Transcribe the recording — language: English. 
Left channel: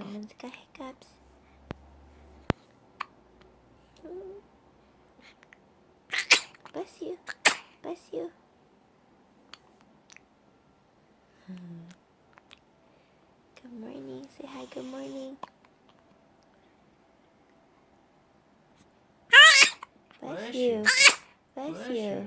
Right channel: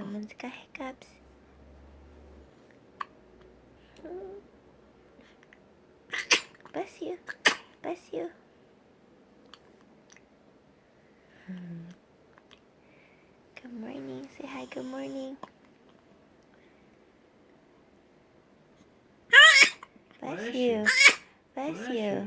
Someone's got hiccups. Bless you. Bless you. Good morning. Say hi, good morning. Bless you. Bless you.